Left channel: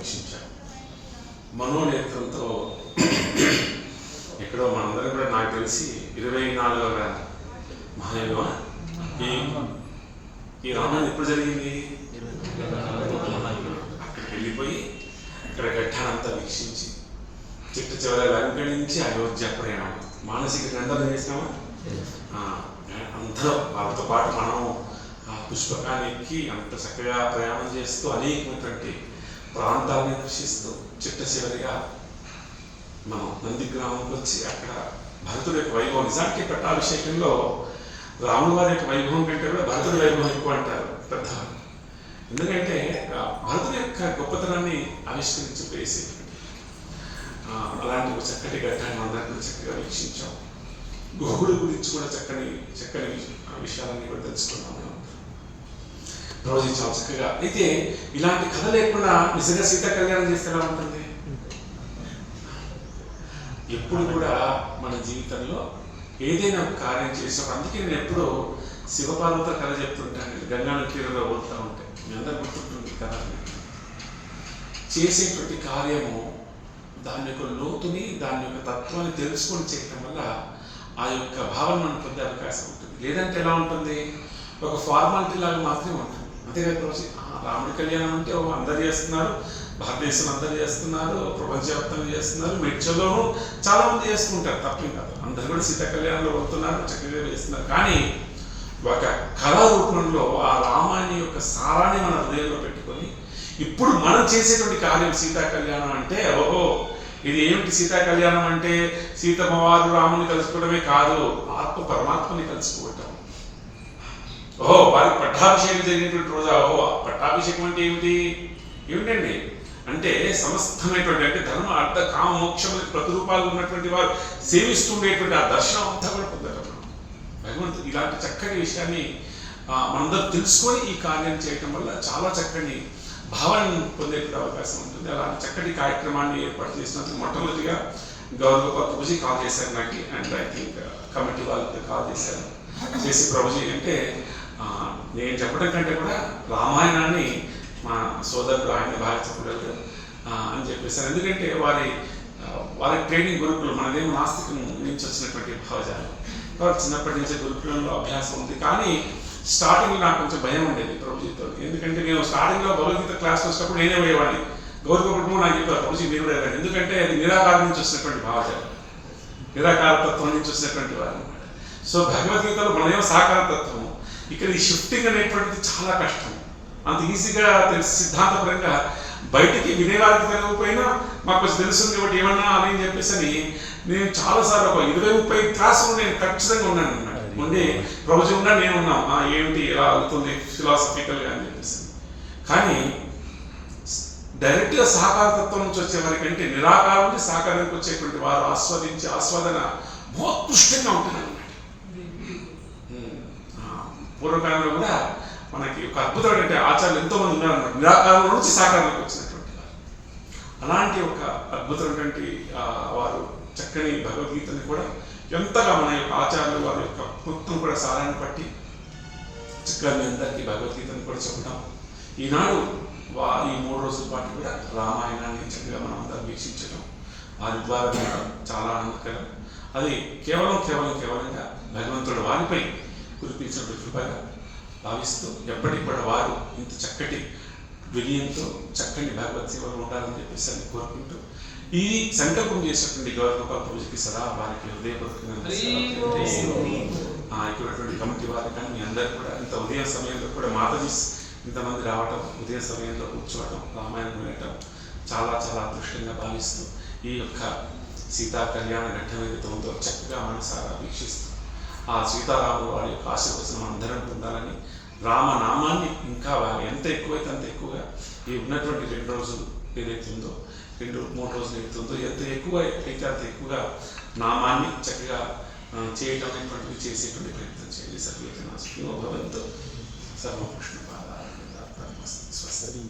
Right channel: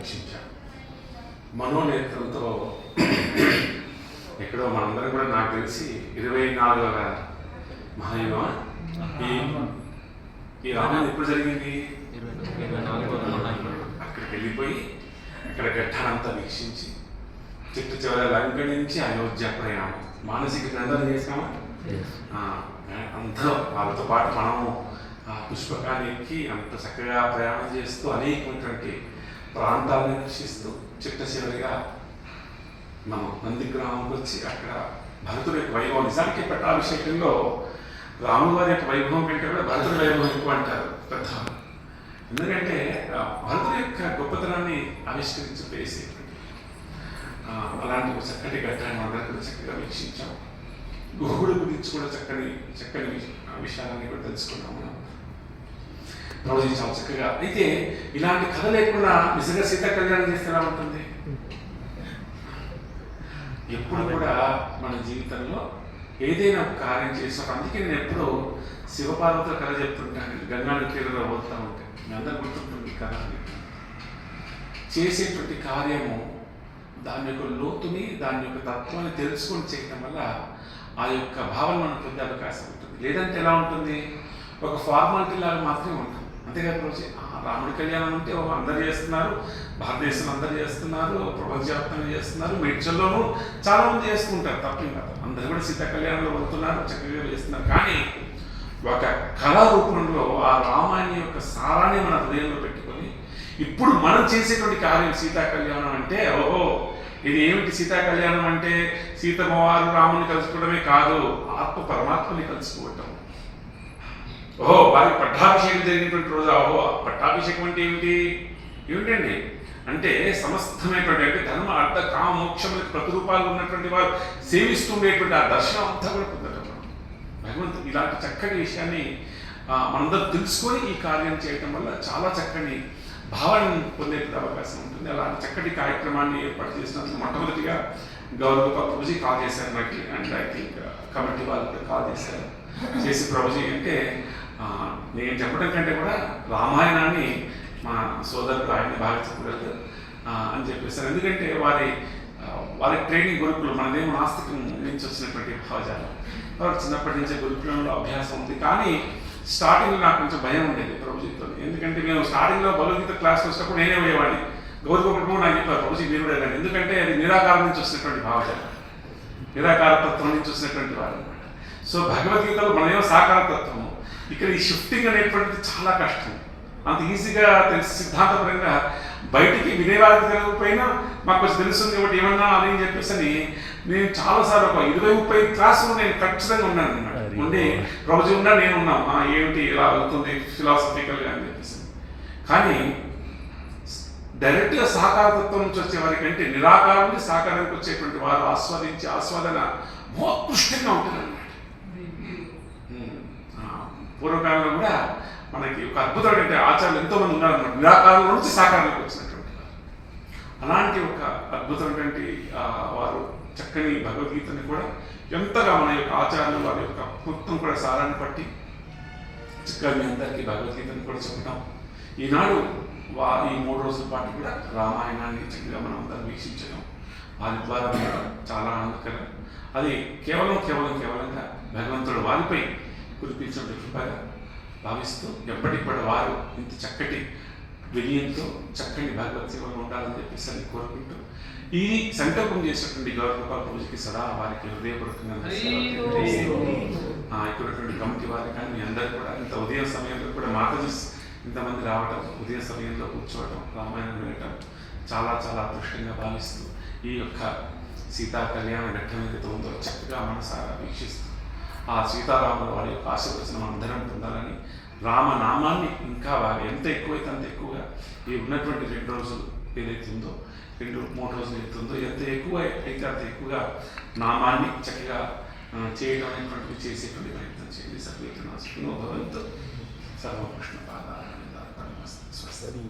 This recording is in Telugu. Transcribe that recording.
వీక్షించాం. మనోనేత్రంతో ఎక్కడో మనందరం కూడా నాకు తెలిసి 24వ మహాయుగం ఈ రామాయణం ఎప్పుడు జరిగింది? అక్కడికి వెళ్ళిపోయి అక్కడ ఘట్టానంతా వీక్షించి చిట్ట చివరి లంక నుంచి అయోధ్య ప్రయాణం మానసిక గంటలు చేసినామా? అందరూ వాళ్ళతో పాటు మనము ఆ పుష్పకాన్ని ఎక్కి అంత చక్కగా ప్రయాణం చేస్తూ అనేకమైనటువంటి ప్రాంతాలను దర్శిస్తూ చిట్ట చివరిగా మనం నందిగ్రామంకి వచ్చి అక్కడ భరతుడి యొక్క వైభవం, నిజానికి పట్టాభిషేకంలో రాముల వారి యొక్క వైభవం కంటే కూడా భరతుడి వైభవం ఎక్కువ అంటారు పెద్దవాళ్ళు. ఎందుకంటే భరతుడి యొక్క గొప్పతనాన్ని ఆవిష్కరించిపేసి అలాంటి ఒక చక్కటి ఘట్టాన్ని అందరికీ చక్కగా వీక్షించాం. గుహుడి గురించి కూడా చక్కని విషయాలన్నీ కూడా తెలుసుకున్నాము. ప్రభుజీ చాలా చక్కగా. అయితే ఇలాంటి కథ లేకుండా నిజంగా సీత కళ్యాణం చేస్తే ఎలా ఉంటుంది? ఎప్పుడు కూడా మన జీవితంలో ఏదైనా ఒక కార్యం చేసినప్పుడు, అందుకే నేను ఎప్పుడూ శివపార్వతుల కథ చెప్తుంటాను. గంగా తీరంలో పోతూ ఉంటే మీ అందరు గుర్తుంటుంది కథ. చేసేటువంటి కార్యము దాని యొక్క లోతుని, దాని యొక్క తత్వాన్ని తెలుసుకొని చేయటం వల్ల ఆ యొక్క భావన మనం పొందే అవకాశం ఉంటుంది. లేదంటే ఎలా ఉంటుంది? ఒక ఫార్మాలిటీ లాగా మాత్రమే ఉంటుంది. అంతేకాదు రోజు రాముడి కళ్యాణం అంటే అందరు చేస్తున్నారు, భారతదేశంలో అందరు చేస్తున్నారు, ప్రపంచవ్యాప్తంగా చేస్తున్నారు, మేడ్చల్లోనూ చాలా మంది చేసుకుంటారు, తప్పేం కాదు. అందరు కూడా సీతా కళ్యాణంలో వెళ్తున్నారు, చక్కగా వేస్తున్నారు. కానీ ఒక కళా రూపంలో ఆ రామాయణం యొక్క సారాన్ని మన హృదయంలో పెట్టుకొని ఇప్పుడు మనం చేసేటువంటి కార్యం సీతా కళ్యాణం అంటే, ఓహో ఇది ఏమిటి సీతా కళ్యాణం అంటే సీతమ్మవారు రాముని కలుసుకోవడమే కాదు, ఆత్మ పరమాత్మని కలుసుకోవటం. ఓహో వారికి పట్టాభిషేకం జరిగినటువంటి రోజు, ఓహో పట్టాభిషేకం అంటే ఏమిటండి అంటే సమస్తమైనటువంటి అంటే ధర్మ అర్థ కామ మోక్షములకు ప్రతిరూపాలు ఉన్నటువంటి వారు సేవిస్తుండేటువంటి ఆ దర్శనం అంతా కూడా పొందటం. భగవంతుడు ఇలాంటి చక్కటి విషయాన్ని మనందరూ తెలుసుకొని ఈ కార్యం చేయటం వల్ల చాలా చక్కని భావాన్ని పొందేటువంటి అవకాశం ఉంటుంది. అలాంటి చక్కటి కార్యక్రమాన్ని ఏర్పాటు చేసినందుకు మొట్టమొదటిగా గౌరవ ప్రభుజీ కాల్ చేశారు నాకు, అండ్ ఐ థింక్ కమిటీ వాళ్ళకి కాల్ చేశారు. చేసి ప్రభుజీ అంటే నేను చెప్పడం కంటే కూడా రామాయణాన్ని మా సోదరుడు ఆయన బాగా చెప్పగలరు అని చెప్పేశారు. ఎందుకంటే వారి ట్రైనింగ్ గురుకులం, మనదేమో నాస్తికం నుంచి వచ్చినటువంటి భావజాలం, కాబట్టి చిన్నప్పటి నుంచే గురుకులంలో అభ్యాసం ఉంది. కానీ స్టార్టింగ్లో నాకు కొంచెం భయం ఉండేది ప్రభుజీతో. ఎందుకంటే మేము స్టార్టింగ్లో భగవద్గీత క్లాస్కి వచ్చినప్పుడు నేనే పోయేవాడిని. గౌరవ నాకు చెప్పారు ప్రభుజీ మీరు కూడా వెళ్ళండి, ఎందుకంటే అది నిరాకారం నుంచి వచ్చినటువంటి భావజాలం, నిరాకారతత్వం నుంచి వచ్చినటువంటి వారు అనమాట. సో భగవద్గీతలో మనమేమో సాకారతత్వము, ఇక్కడ ఈ షిఫ్టింగ్ అనేటువంటిది చాలా కష్టం. అంత ఈజీగా తెలిసి సిద్ధాంతపరంగా బయటికి వినేవారికి తెలియకపోయినా మాకు కొంచెం తెలుస్తుంది కాబట్టి ఏమన్నా అని చెప్పేసి నేను చాలాసార్లు ఒక 20-30 క్లాసులు నేను ఖచ్చితంగా ఉన్నాను అన్నమాట. ఉండి ప్రభుజీ ఉన్నా నేను ఉన్నాం, ఏమిటి ఇలా అవుతుంది ఫిలాసఫికల్గా అని చెప్పేసి. కానీ డైరెక్ట్గా సహకారతత్వం నుంచి వచ్చే వారి కంటే నిరాకారం నుంచి సహకారానికి వచ్చేటువంటి వారు ఆస్వాదన మోత్కృష్టంగా ఉంటుందన్నమాట. పూర్వకాలంలో కూడా మనకి ఒక అద్భుతమైనటువంటి ఆచార్యులు ఎంతోమంది ఉన్నారన్నమాట, నిరాకారంలో నుంచి సాకారంలోకి వచ్చినటువంటి వారు. అలాంటి ఒక అద్భుతమైనటువంటి వారు చక్కని భగవద్గీతని కూడా ఎంతగా మన యొక్క ఆచార్యులు వారి యొక్క మొత్తం కూడా సారాన్ని బట్టి చక్కగా మీ అందరికీ భగవద్గీతను కూడా చెప్పడం. ఈనాడు ఈ 3 రోజుల పాటు కూడా రామాయణాన్ని చక్కగా మనం అందరం వీక్షించడం వారి ద్వారా చాలా ఆనందకరం. అది కేవలంగా భగవంతుడు వారిపై కురిపించిన కృపగా భావిస్తూ ఎప్పటికి కూడా వారు ఇంత చక్కటి వినయంతో చక్కని భగవత్ సేవలు ఉండాలని చెప్పేసి అని కోరుకుంటూ ఈ సంకల్పం చేసినటువంటి గౌరవ ప్రభుజీకి సదా వారికి హృదయపూర్వకంగా ఇక్కడటువంటి కమిటీ వారికి కానీ మీ అందరు కూడా ఇంత ఉదయం సమయంలో కూడా మాధవీస్ ఇంతమంది రావడం, ఉదయం సమయంలో కూర్చోవడం, రామాయణం వినటం చాలా చాలా అదృష్టంగా భావిస్తూ ఈ యొక్క సీతా కళ్యాణ ఘట్టం ఏదైతే ఉందో చక్కగా మనసారా వీక్షిస్తూ ఆ సీతారాముల వారి యొక్క ఆశీర్వచనం అందరం పొందాలని, రామనామాన్ని ఇంకా బాగా ఎంత ఎక్కువైతే అంత ఎక్కువగా ఈ ఉన్నటువంటి 2 రోజులు ఏదైతే ఉందో 2-3 రోజులు ఏదైతుందో ఎంత ఎక్కువ అయితే అంత ఎక్కువగా నామాన్ని చక్కగా చేయడం అనేటువంటివి చేసేటువంటి ప్రయత్నం చేయండి. సర్వేతనాశినో భవంతు. సర్వకృష్ణ పాదారవిందార్పణమస్తు. స్వస్తి.